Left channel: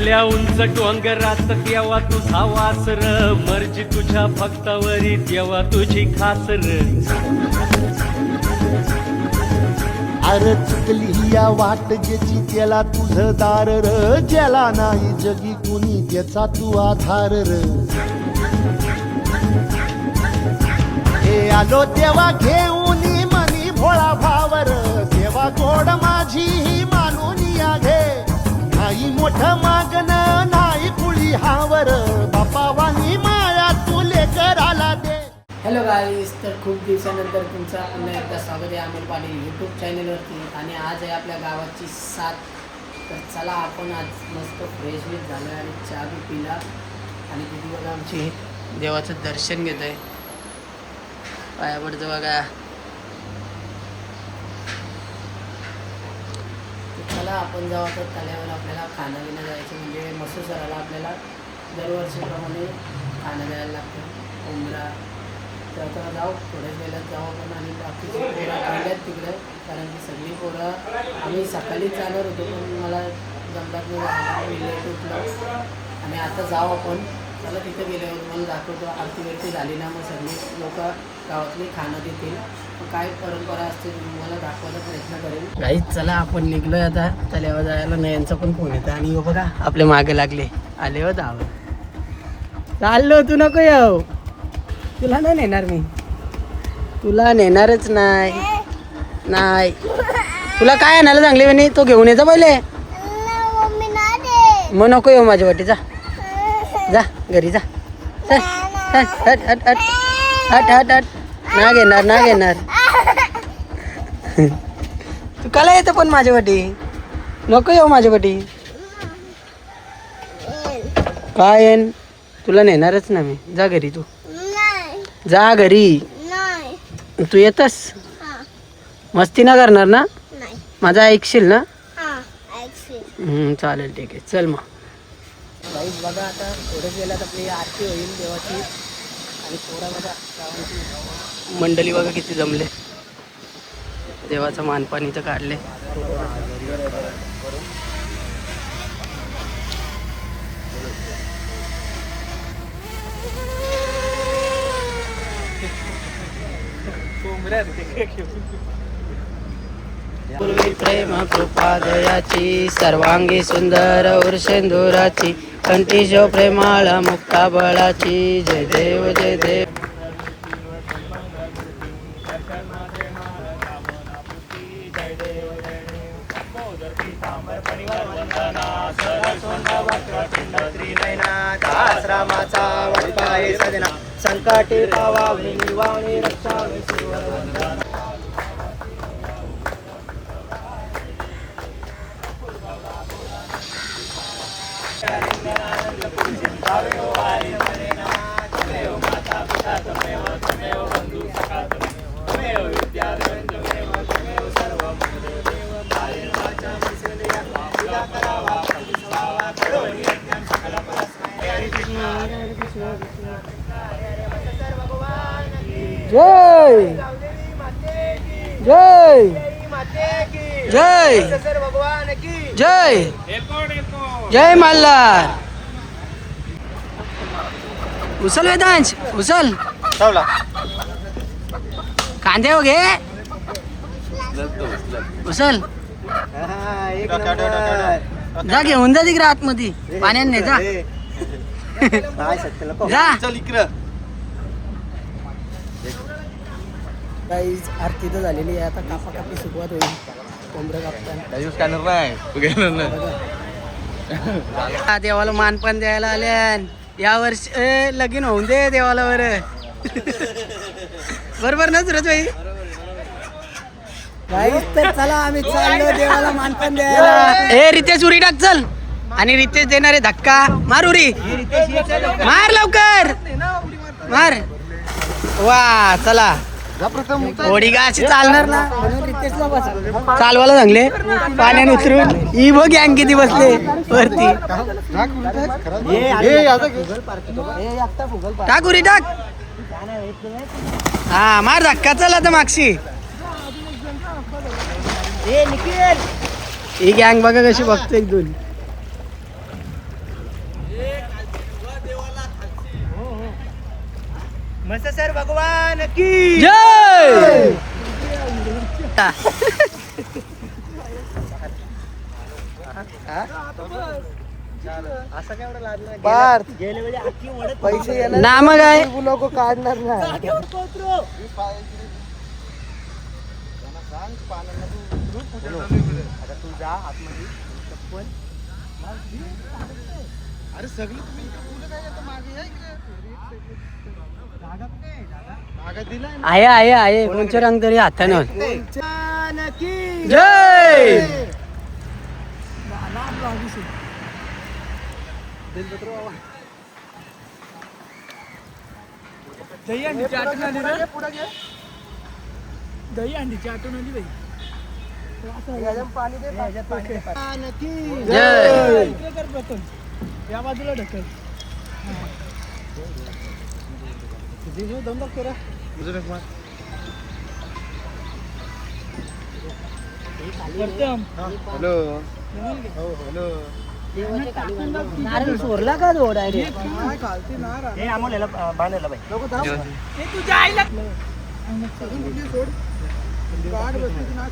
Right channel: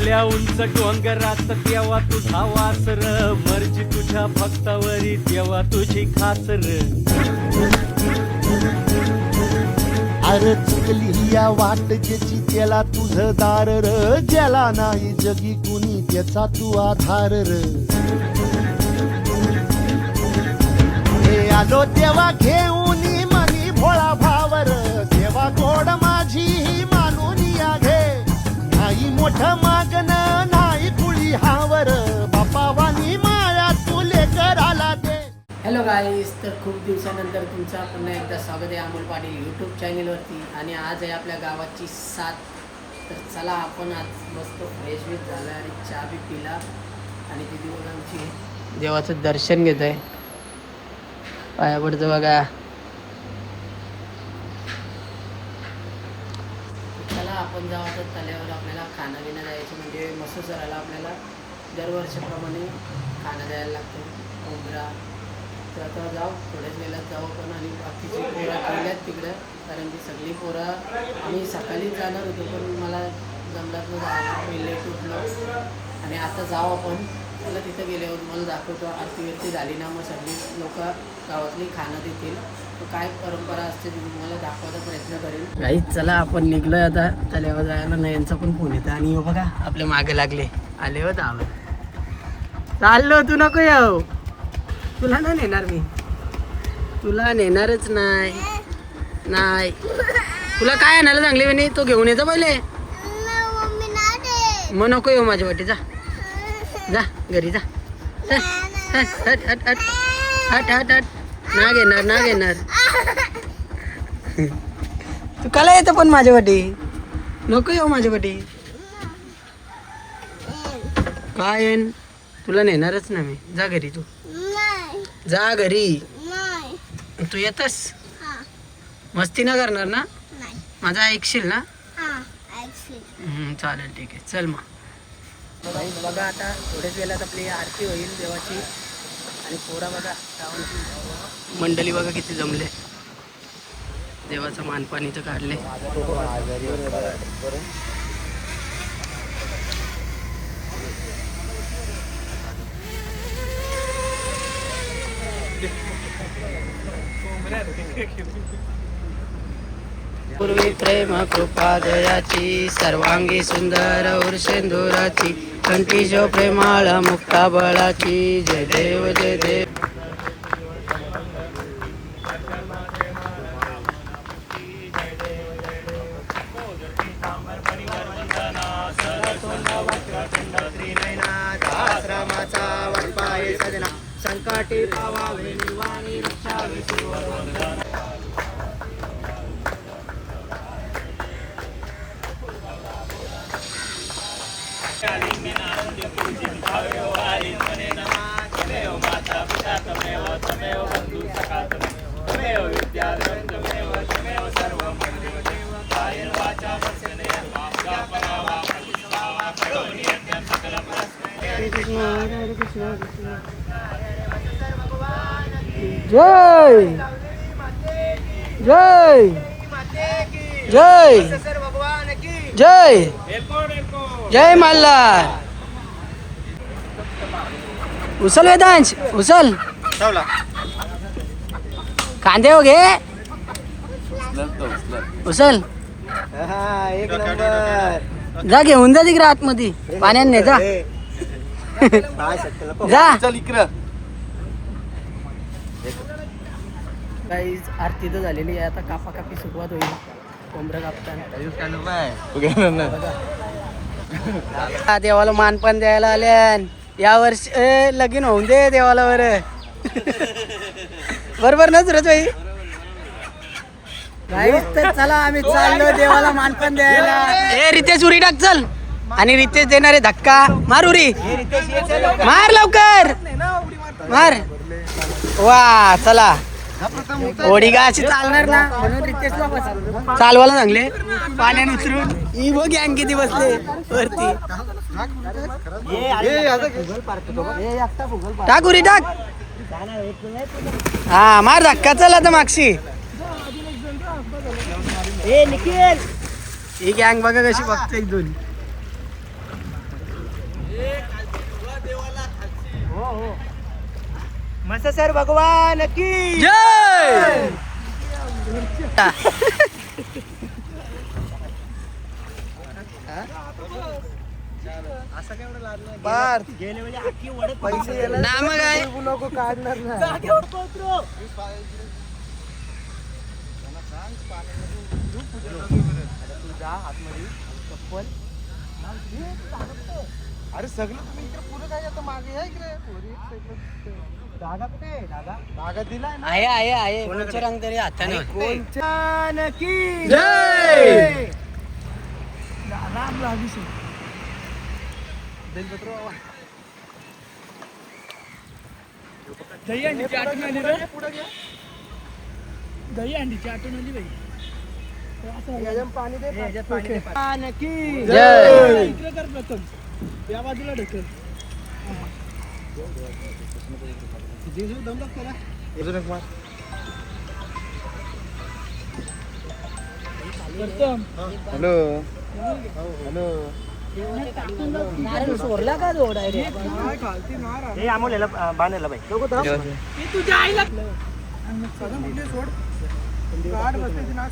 आल्या उंच डोंगरात तेव्हा तुझा वासर, मर्जी तुझ्या भक्तावरी तेव्हा तुझी खासर. अरे चुकली या वाट ज्याची त्याला तुझं दार र, ज्याला नाही जगी कुणी त्याचा तू आधार र. हे आलो तेव्हा घेऊन मनी भोळा भावर, तेव्हा गोड माझी ही मानून या घे. नाही मोठं मागणं नाही कुळी हावर, बापावानी माया तू लेकर आला दे. हॅलो गाईस, तर खूप दिवसानंतर तुमचा पुन्हा एकदा स्वागत आहे अमोल पाटील यूट्यूब चॅनलवरती. आणि आज आहे आपल्या गावाची 7. तर चला आपण आज मस्त फ्रेश बीट झालो आहे आणि चहा बी पिला आणि तिथे बघा आमची देवाचं दर्शन घेतो आहे. पाया पडतो बघा. चला आपण जाऊ आता तल्यावर आपल्याला खाणं पिणं जायचं, म्हणजे मस्त सराला आपल्याला दरवर्षीप्रमाणे खाणं द्यायला लागतं कोंबडा. तर आता जाऊ थोड्याच वेळात जाऊ आपण. आणि बाकीची पोरं गेल्यात तिकडं, कारण की सगळी पोरं आम्ही सकाळीच जाणार होतो पण मला जमलात न जायला, मी लेट उठलो. आणि आता जाऊ आपण. चला तिथं गेल्यावर मला दाखवतो. आरती बिरती झाली ना मग सगळी लोक गावातली खाणं देतील, काय परंपरा असते तुम्हाला दाखवायचा प्रयत्न करेन. गाईच चला आपण निघलोय आता तल्यावर जायला. नयनचा पण फोन येतो आणि हो बघा आपले मागे लागले. आले हो दाव चाललो. तू नको येऊ, तुला नाही नेणार मी, तुला नेणारच नाही. नाही तुला काय आणायला चांगले म्हणे तो घेऊन येतो पहिले. मग नको येऊ माझ्या वाटी. जा जा घरी जा. हट हट हट हट हट हट हट. ना घेणार ना घेणार. तू कला येतं पण माझ्या वाटी. नको येऊ माझ्या वाटी. काय येईन तुला नेणारच ना मी. जा घरी. तू जा घरी. तू येतस मस्ती ना करणार ना. माझा ऐकशील ना. चालेल ठीक आहे. चल मग बाईक बघा. आता थोड्याच वेळात आपली आरती होईल देवाची. आणि पोरा बघा गावांची मंडळी बघा किती जमले. देवाचं मानपान इथं काढले. पूर्वी प्रेम कृपा दयाची, सर्वांगी सुंदर उर्षेंदुराची, कंठी जो प्रेमाळ मुक्ता बळाची. जय देव जय देव. संकटी पावावी निवाणी रक्षावी सुवर वंदना. जय जय जय जय जय मल्हार. उचल वेदांश उचल. कांदे हो घे. उचल. एक नंबर. जा घेऊन जा तिकडे आतमध्ये पाण्याने. जा जा. गाईज आरती तर झालेली आहे. आता कापा कापी सुरुवात होईल. कोंबडं कापताना देवाला मानपान द्यायला आल्या. या वर्षी लगीन होऊन दे देवाला. बरोबर ना सुरज भाई. गाईज तर चला आम्ही चाललो देवाला मानपान द्यायला. हे रितेश उरी टाक चल. आणि रितेश देणारे धक्का मार. उरी मार लवकर मार. वा चला. ओढी का अशी चालणार ना म्हणून रितेशला चालवायला सांगले. पाण्याने उतरून ही बघ गँग किती बसले वरती. टाक उरी टाक. हा मार धक्का. चल आता मागशी. ही गँग बघा कशी बघते एक दोन. मसासर भगवान की जय. ना मग काय नको काढणार ना. अरे सगळी आहे कोणाच्या रंग तरी हातानं की जय. दही अंडीची आठवण आली रे. दही अंडीची आठवण आली बाई. पाणी दे. जय. इकडे कर प्रथम, या बाजूला ढकल. दम लागतो रे. प्रथम हॅलो हॅलो. नारळ सोडला का रोड आहे खालती नार हे आम्हाला बांधायला बाई. नको थांब. हे तुझ्या आईला सोड. गाड बसते ना.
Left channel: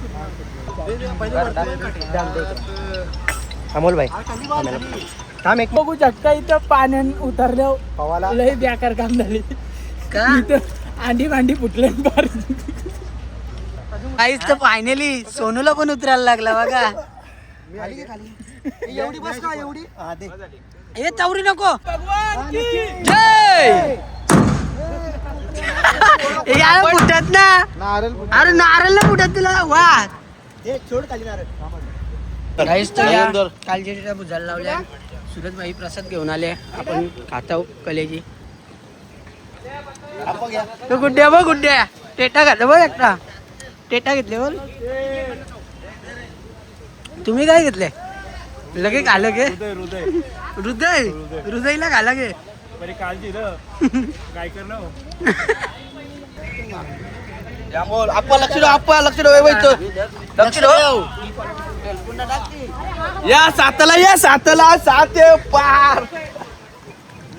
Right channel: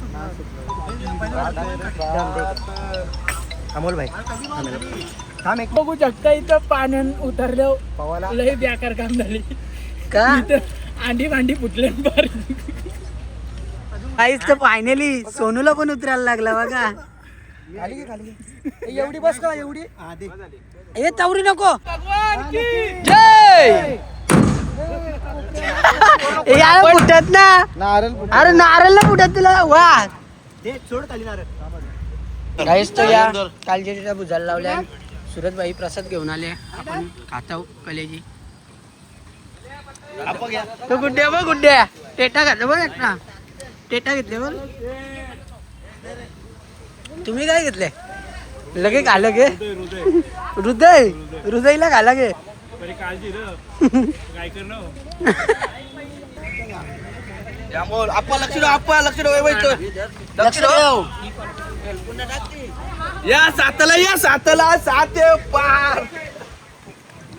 अमोल भाई थांब एक. बघू शकता इथं पाण्यान उतरल्या पवाला लय बेकार काम झाली. का इथं अंडी भांडी फुटले काहीच तर फायनली सोनूला पण उतरायला लागला बघा. खाली घे, खाली घे. एवढी बस का एवढी. हा दे. ए चौरी नको. भगवान की जय. ए यार फुटत ना. नारळ अरे नारळ फुटत तुला वा. दे. सोड खाली नारळ. काहीच तो या कालजेच्या भुजाला लावल्या. सुरतबाई प्रसाद घेऊन आले. आपण खाताव कलेजी. तो गुड्ड्या बघ गुड्ड्या टेटा घातला बघ एकटा. टेटा घेतले बोल. तुम्ही काय घेतले लगे घालं गे. हृदय हृदयला घाला गे. बरी काळजी र काय करणार. आपण लक्ष ठेव. आपण लक्ष ठेव. लक्ष ठेव. या सातला 7 पार.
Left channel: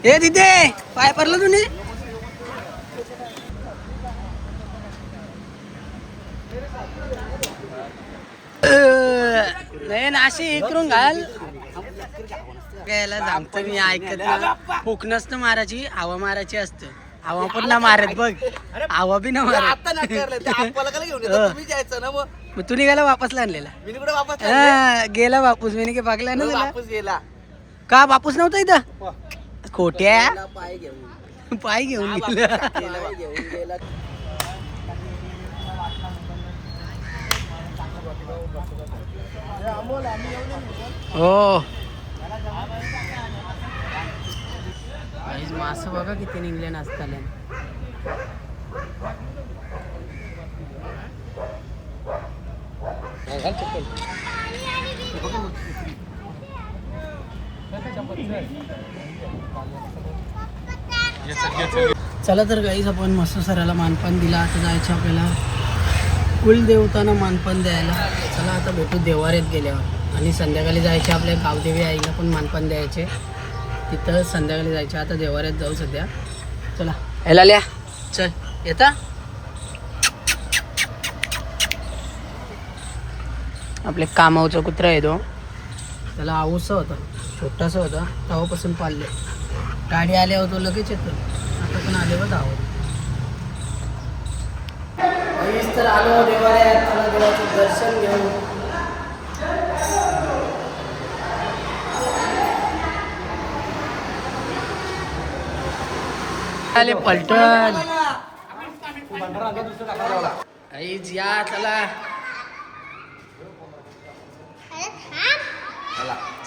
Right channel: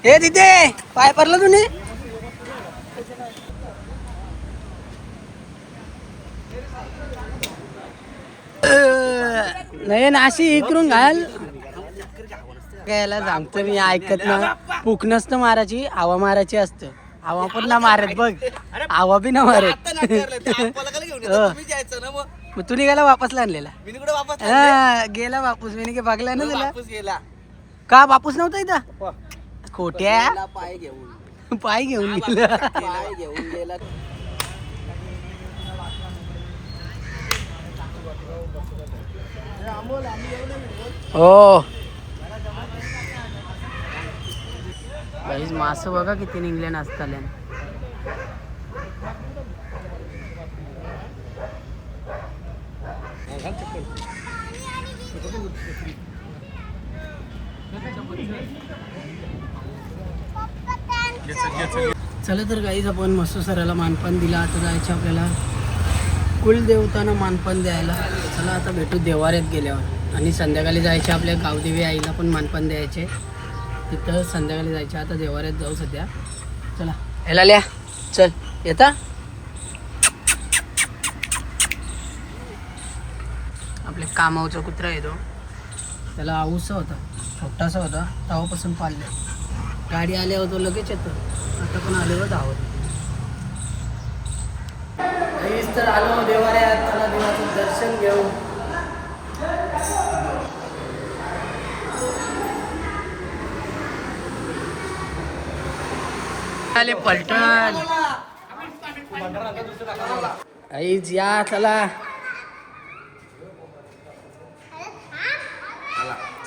हे तिथे पाय पडला तुम्ही. नाही नाशी इकडून घाल. यायला सांगतो मी ऐकत नाही. पुक नसतं मारायची हवा मारायची असतं. हवा पण ना मारत बघ. हवा बी ना मारत. मग तू निघाला वापसला आणलेला. हा, गेला वापस मी काय बघला ना तुला. का वापस नव्हता इथं. खोट्या पाय घेऊन गेला. हो गाईज मासं बघा किती निघले नाचताले. चला तर गाईज आपण मसूसराला मानपान दिला. आता जायचं आपल्याला कुलदेवतांना मानपान द्यायला. चला आता भेटू देवाऱ्यात गेल्यावर. आणि संध्याकाळी जायचे आपल्या गावदेवी आईला पण मानपान द्यायचे. तिथं संध्याकाळी जायचे. आता देवाऱ्यात जाऊ सध्या. चला ह्याला लिया. चल येता. आपले कामावचा कुत्रा येतो. त्याला आऊसा होता छोटासा होता तेव्हापासून पाळले. गाडी आल्यावर तो लगेच येतो. आता पण आल्यावर धावत. तर आलो देवाऱ्यात. चला देवाचं दर्शन घेऊ. आले पलटण. आईज या चला.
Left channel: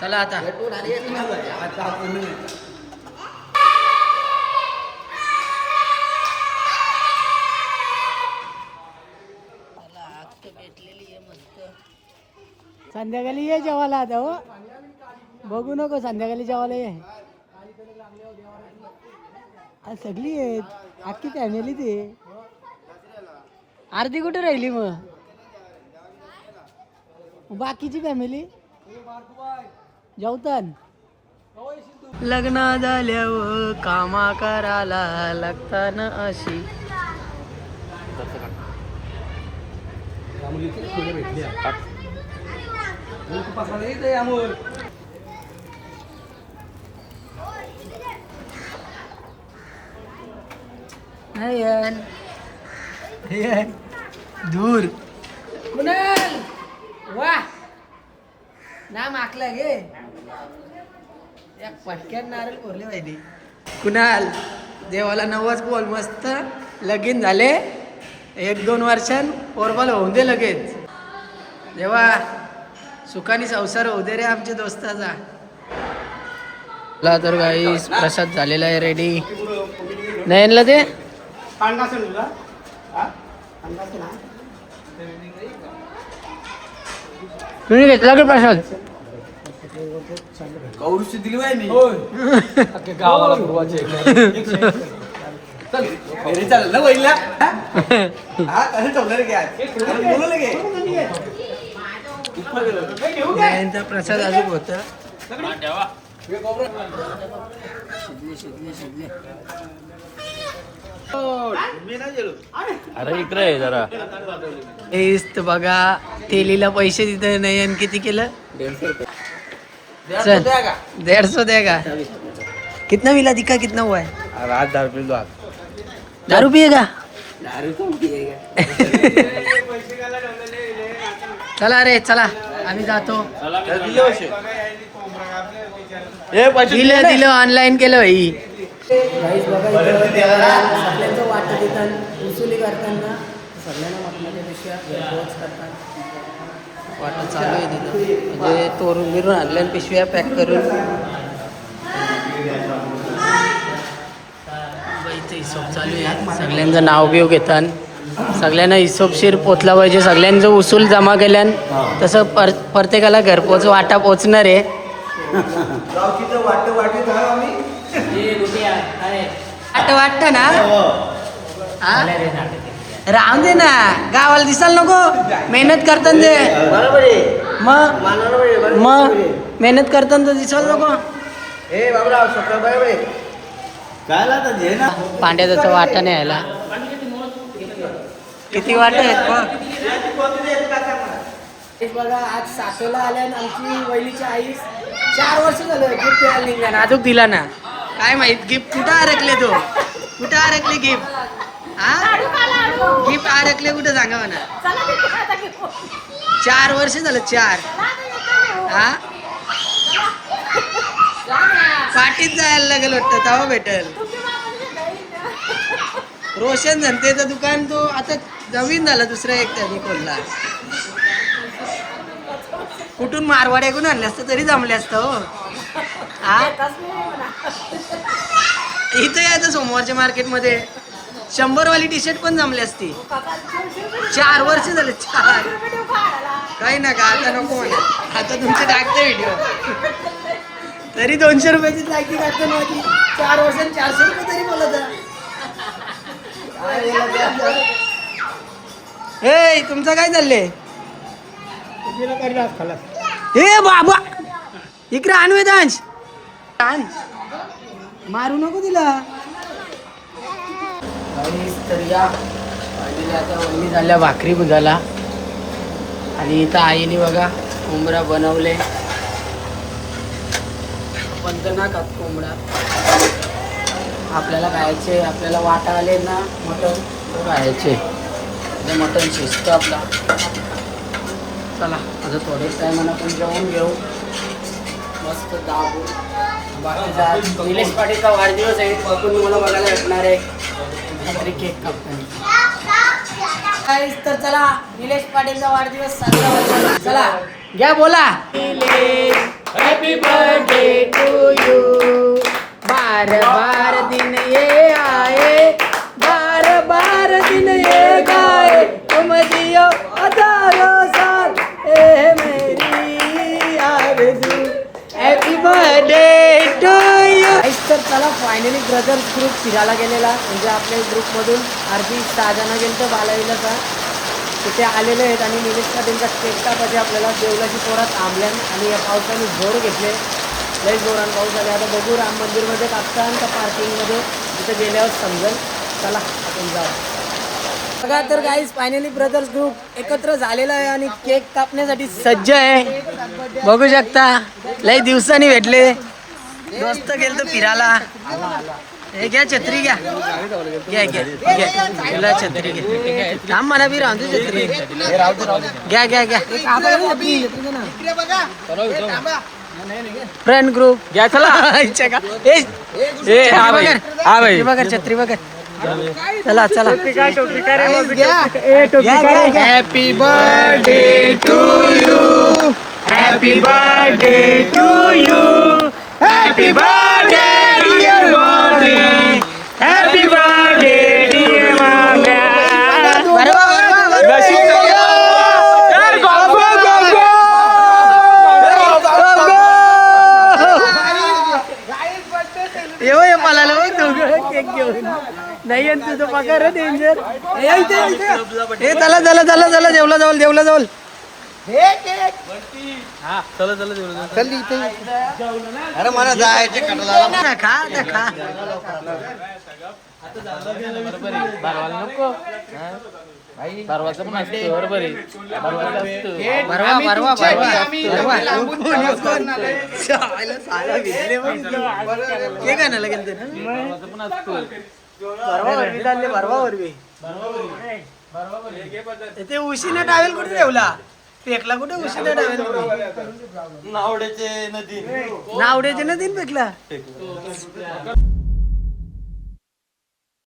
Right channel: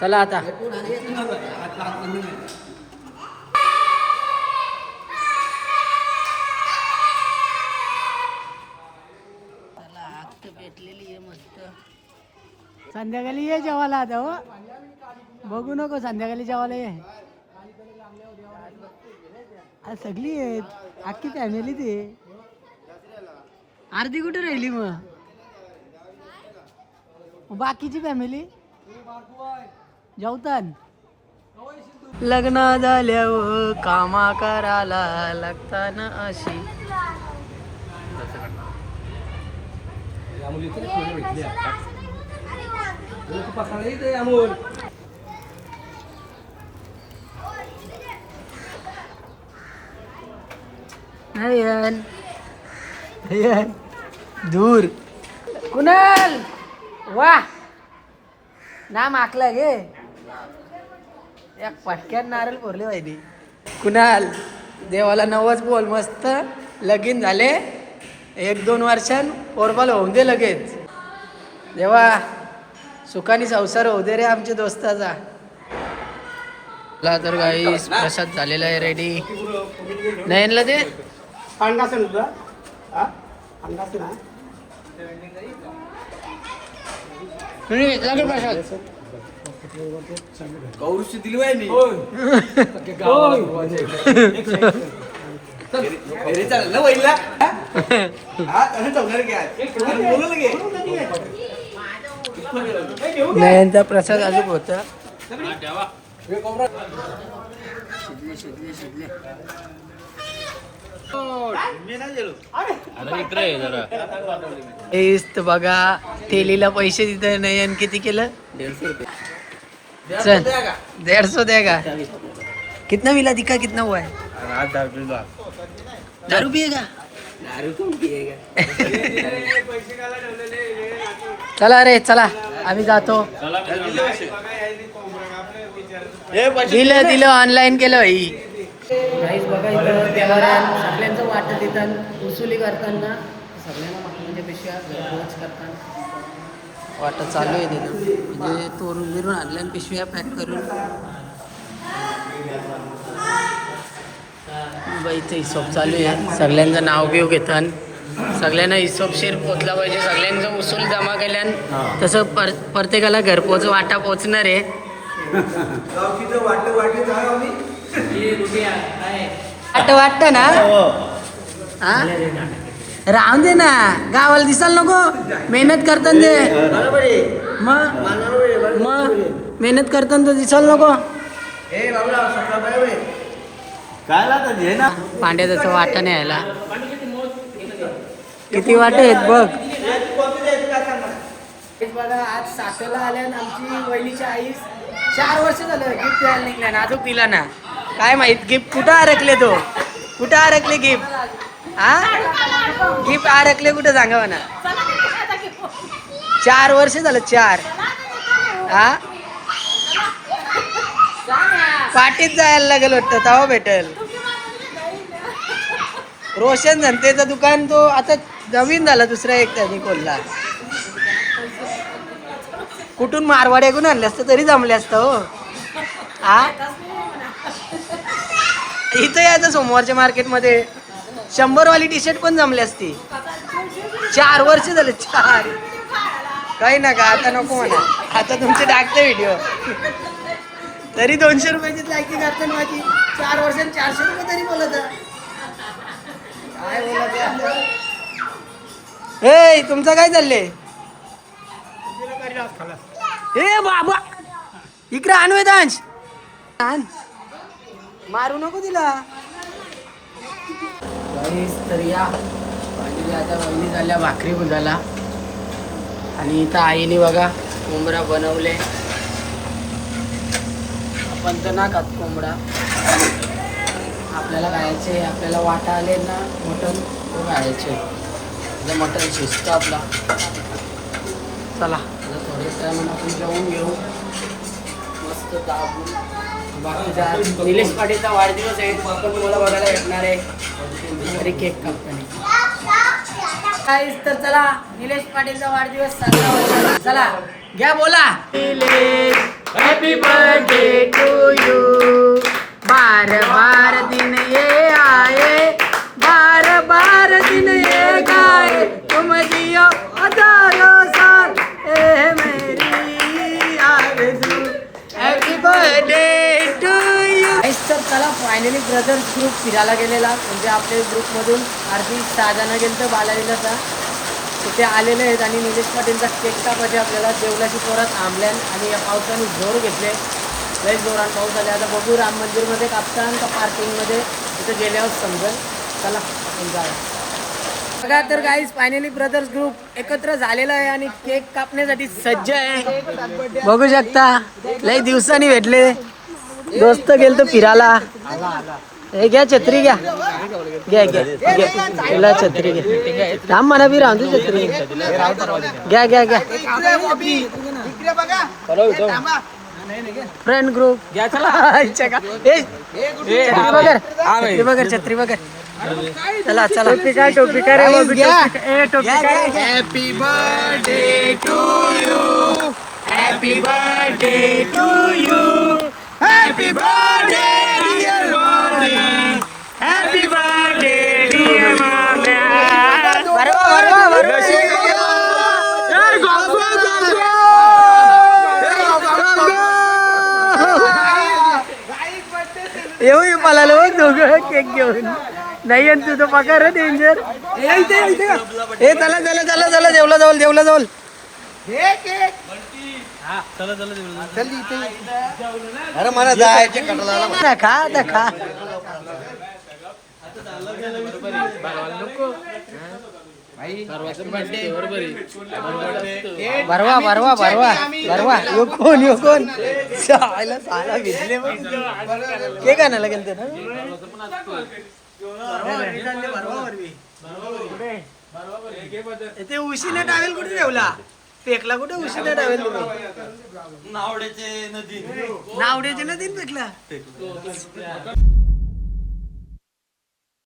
चला आता भेटलेली आहे मस्त. संध्याकाळी ये जेवायला आता. हो बघू नको संध्याकाळी जेवायला ये. आज सगळी आहेत अख्खी फॅमिली. ते अर्धी कुठे राहिली मग बाकीची फॅमिली जेवतान. लग्न झाल्यावर कामा करायला लागताना अशी. नयन नयन दूर कुणाल वा नाम आखलं गे एक पटक्यात नारळ फोरले पाहिजे. कुणाल देवाला नवस बोल मस्त लगीन झाले 1-2 वर्षां पोरबाल होऊन दे लगेच. देवा सुखानी संसार होऊ दे रे आमच्या दोस्ताचा. तर काही प्रसाद झालेला आहे रेडी. नयनला दे तुम्ही घेतला की प्रसाद. नयनचा प्रसाद अजून होता. शिजले अरे इकडे आहे जरा. बघा तेलीला पैसे तिथं नयन किती केलं 150 देगा. कितना मिला दिखा कितना हुआ है. 10 पिएगा. चला रे चला आम्ही जातो. दिलं ऑनलाईन केलं भाई. गाईस बघा इथं देवाऱ्यान सगळ्यांचं वाटत देतात वसुली करताना सगळ्यांना मटणाच्या पेक्षा घरपोच करतात वाटत चालू आहे तिथं. म्हणजे तोरून बिरून आणल्या पिशव्या पॅक करून बाईचं हिशोब चालू आहे. सगळ्यांचं नाव बिव घेतात. सगळ्यांना हिशोबशीर पोचला पाहिजे. सगळ्यांचं उसूल जमा केल्यान तसं प्रत्येकाला घरपोच वाटा पोचणार आहे. वाटत ना राहून दे ना गावाला दिसाल नको. मेहनत करताना दे मग मेहनत करताना तर दिसाल नको. पांड्या त्याचा वाटा नाही यायला. किती वाट आहेत बघ. बघा आज सासऱ्याला आल्यान आमची वहिनीची आई 4 वर्ष झालं गिफ्ट द्यायला निघल्या ना अजून दिला ना. काय माहित गिफ्ट कुठं अडकले तो. कुठं अडकले गिफ्ट. हा गिफ्ट अडकले कुठं सांगा म्हणा. 4 वर्ष झालं 4. हा पाठीत जायला लागेल वाटतं तेव्हा भेटेल. रोशन धनतेचं दुकान तो आता नवीन झाला दुसरा एक त्याने खोलला. कुठून मारवाड्याकडून आणले असतं तरी जमले असतं हो. हा इथं यायचं सोमवारच्या मार्केटमध्ये 100 वाली टी शर्ट पण जमली असती. 4 वर्ष झाले 4. काही नका आता नको म्हणा. आता तुमचे टाकते व्हिडिओ तरी 200 रुपयाची लायकी काढतो माझी. 4 वर्षांनी 400 रुपये तरी बोलत काय बोलत. हे तुमचं काय चाललंय. हे बाबा इकडे आण वेदांश आण. मारू नको तिला. तर या पाहिजे आता वहिनी झाल्या भाकरी बुजाला. आणि इथं आईने बघा कोंबडा बनवले. आपण तर ना खात कोंबडा. आपल्याला खायचे. आपल्याला वाटा आले ना मटण खायचे. मटण शिजतं आपला. चला आता थोडेच टायमानं आपण जाऊन घेऊ मस्त दाब. बाकीचा निलेश पाटीलचा वाढदिवस आहे तो पण तुम्हाला बघायला भेटणार आहे. केक कंपनी तर चला निलेश पाटीलचा वाढदिवस साजरा. चला घ्या बोला. Happy birthday to you. बार दिन ये आए. बार दिन ये गाए. तुम जियो हजारों साल ए मेरी आरज़ू. Happy birthday to you. तर चला फायनली ब्रदर्स ग्रुप फिरायला गेलेला. म्हणजे आपल्या ग्रुपमधून अर्धी 6 जण गेलं तर बालाविलाचा तिथे आलेले आहेत. आणि निलेश पाटीलचा केक कापायचे आपल्याला देवलाची पोरात थांबल्यान आणि या पावसाने जोर घेतले. लई जोरान पाऊस आले. आता बघू राम मंदिरमध्ये कापतान का पार्किंगमध्ये, तिथे गेल्यावर समजेल. चला आपण जाऊ. बघा तर गाईज फायनली ब्रदर्स ग्रुप एकत्र झालेला आहे आणि केक कापण्यासाठी सज्ज आहे. बघू शकता लई दिवसांनी भेटले दोस्त. गेलतो फिरायला. हे घ्या छत्री घ्या, घ्या घ्या घ्या तुला छत्री घ्या. थांब म्हणा बी राहू दे छत्री. घ्या घ्या घ्या. फ्रेंड ग्रुप घ्या. चला इच्छा का छत्री बघर, छत्री बघर, छत्री बघर. चला चला. Happy birthday to you, happy birthday to you, happy birthday dear mommy, happy birthday dear mommy. येऊ मला बघ दोघं केक घेऊन. नाही आणि तुझं पकार डेंजर. ए चला चला चला चला जेवला जाऊल, जेवला जाऊल. खा आता खा. भरवा भरवा भरवा भरवा. यो कोण यो कोण साला भिजले के का ना लागेल ते ते उशीने टावेल कुठे ठेवला? फेकला कुठे उशीने टावेल? नावड्याचे नदीन फेकला.